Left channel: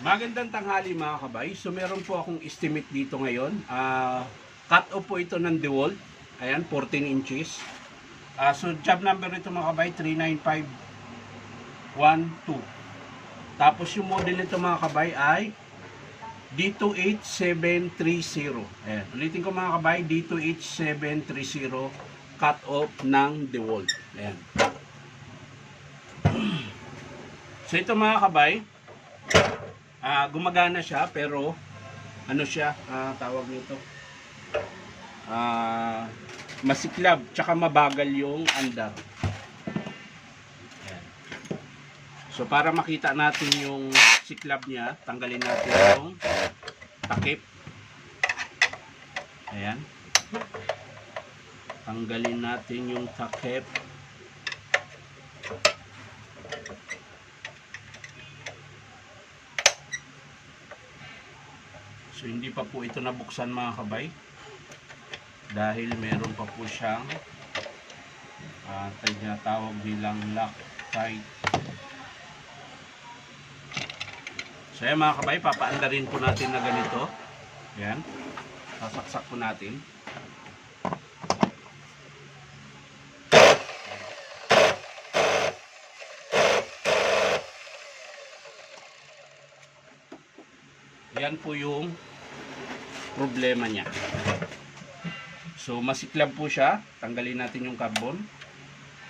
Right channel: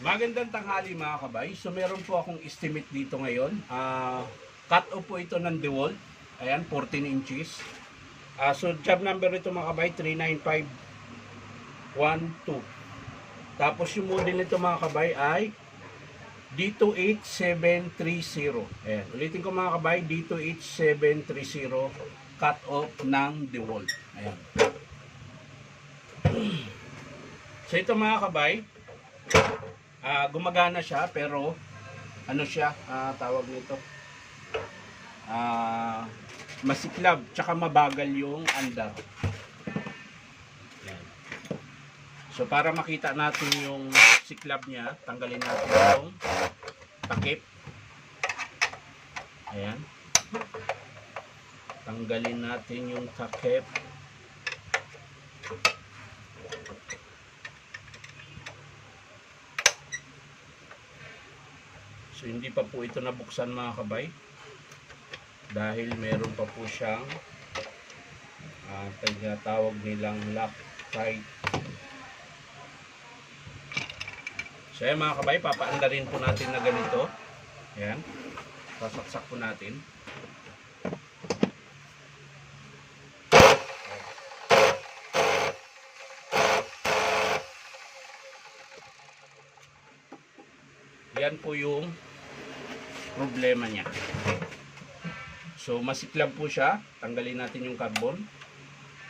Magandang tanghali mga kabay. So meron po akong estimate dito ngayon. Cut off po ito ng DeWalt. Ayan, 14 inches. So job number nito mga kabay, 39512. Tapos yung model nito mga kabay ay D28730. Ayan, ulitin ko mga kabay, D28730 cut off ng DeWalt. Ayan. So ito mga kabay, gumagana siya pero ano siya, tawag nito, masiklab tsaka mabagal yung andar. Ayan. So para makita natin yung siklab niya, tanggalin natin yung takip. Ayan, tanggalin natin yung takip. So hindi pa po ito nabuksan mga kabay dahil meron pa po siyang tinatawag nilang Loctite. So ayan mga kabay, papaandarin po natin na ganito. Ayan, sasaksak po natin. Yan po yung problema niya. So masiklab po siya. Tanggalin natin yung carbon.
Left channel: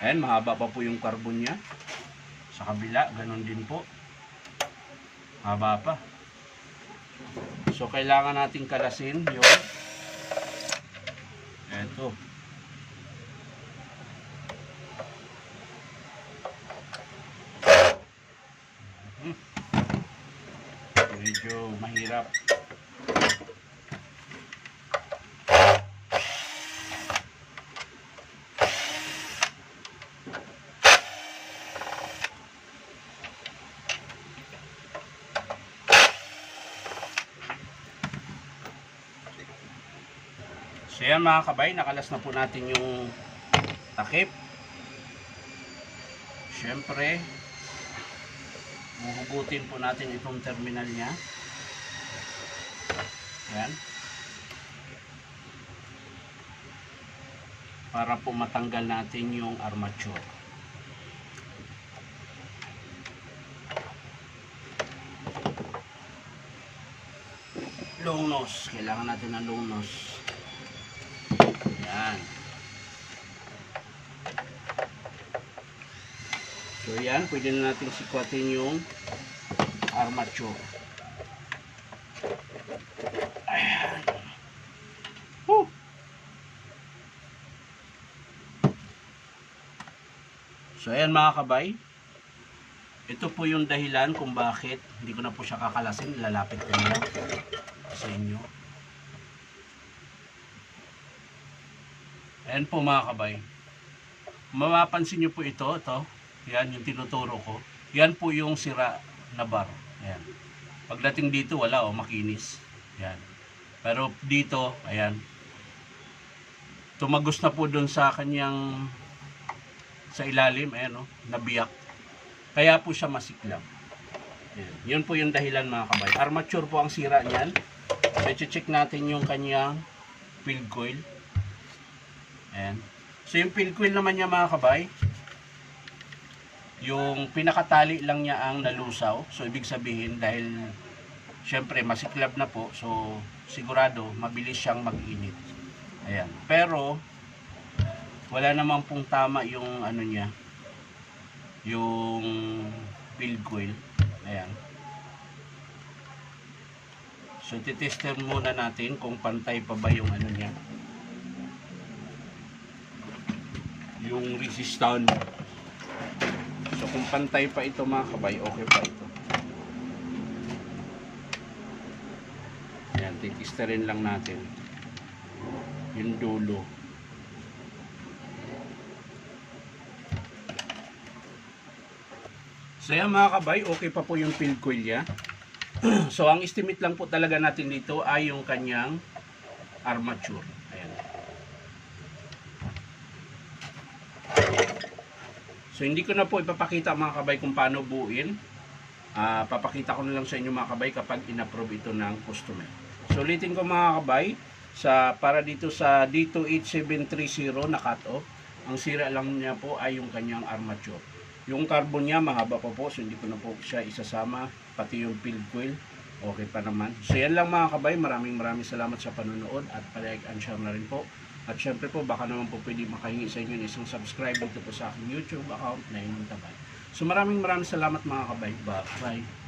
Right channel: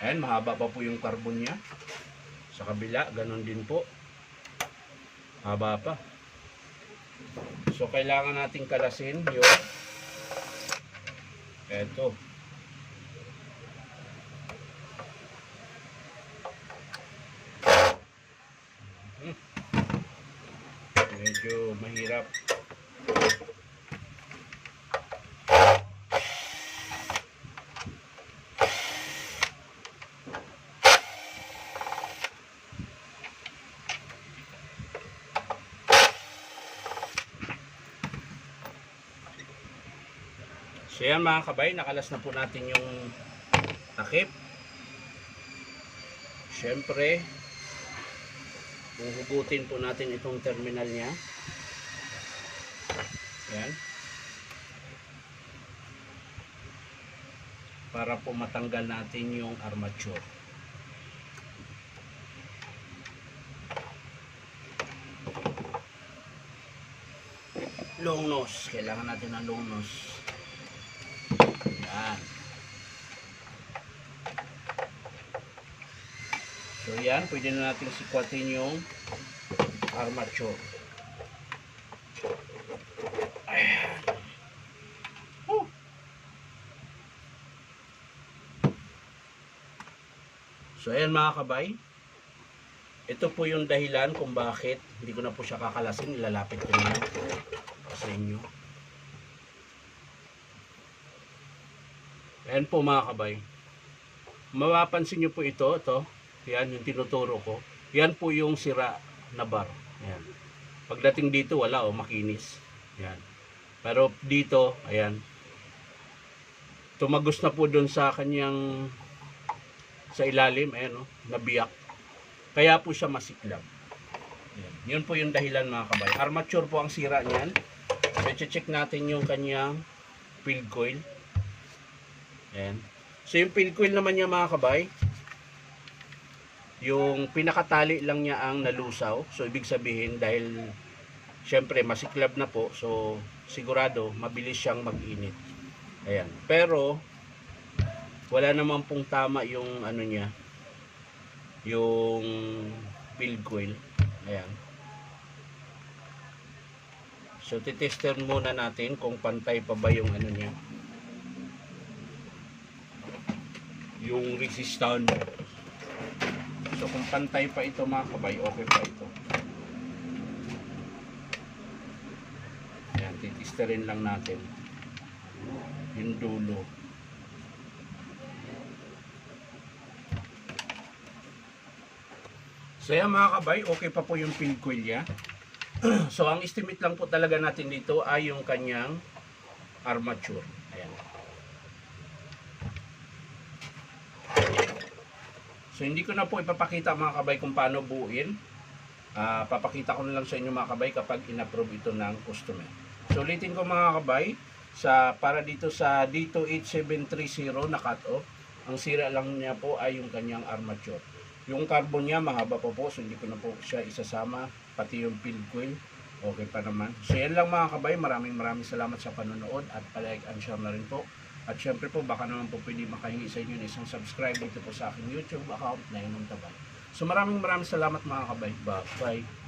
Ayan, mahaba pa po yung carbon niya. Sa kabila, ganun din po. Haba pa. So kailangan nating kalasin yung eto. Medyo mahirap. So yan mga kabay, nakalas na po natin yung takip. Syempre, uhugutin po natin itong terminal niya. Yan. Para po matanggal natin yung armature. Long nose. Kailangan natin ng long nose. Yan. So yan, pwede na natin sikwatin yung armature. Ayan. Woo! So ayan mga kabay, ito po yung dahilan kung bakit hindi ko na po siya kakalasin. Ilalapit ko na sa inyo. Ayan po mga kabay, mapapansin nyo po ito. Yan yung tinuturo ko. Yan po yung sira na bar. Ayan. Pagdating dito wala, makinis. Yan. Pero dito, ayan, tumagos na po doon sa kanyang sa ilalim, ayan, nabiyak. Kaya po siya masiklab. Ayan. Yun po yung dahilan mga kabay. Armature po ang sira niyan. I-check natin yung kanyang field coil. Ayan. So yung field coil naman niya mga kabay, yung pinakatali lang niya ang nalusaw. So ibig sabihin, dahil syempre masiklab na po, so sigurado mabilis siyang mag-init. Ayan. Pero wala naman pong tama yung ano niya, yung field coil. Ayan. So titester muna natin kung pantay pa ba yung ano niya, yung resistance. So kung pantay pa ito mga kabay, okay pa ito. Ayan, titisterin lang natin yung dulo. So yan mga kabay, okay pa po yung field coil niya. So ang estimate lang po talaga natin dito ay yung kanyang armature. Ayan. So hindi ko na po ipapakita mga kabay kung paano buuin. Papakita ko na lang sa inyo mga kabay kapag in-approve ito ng customer. So ulitin ko mga kabay, para dito sa D28730 na cut off, ang sira lang niya po ay yung kanyang armature. Yung carbon niya mahaba pa po, so hindi ko na po siya isasama, pati yung field coil okay pa naman. So yan lang mga kabay, maraming salamat sa panonood at palike and share na rin po. At syempre po baka naman po pwede makahingi sa inyo ng isang subscribe dito po sa aking YouTube account na yung Tabay. So maraming salamat mga kabay. Bye.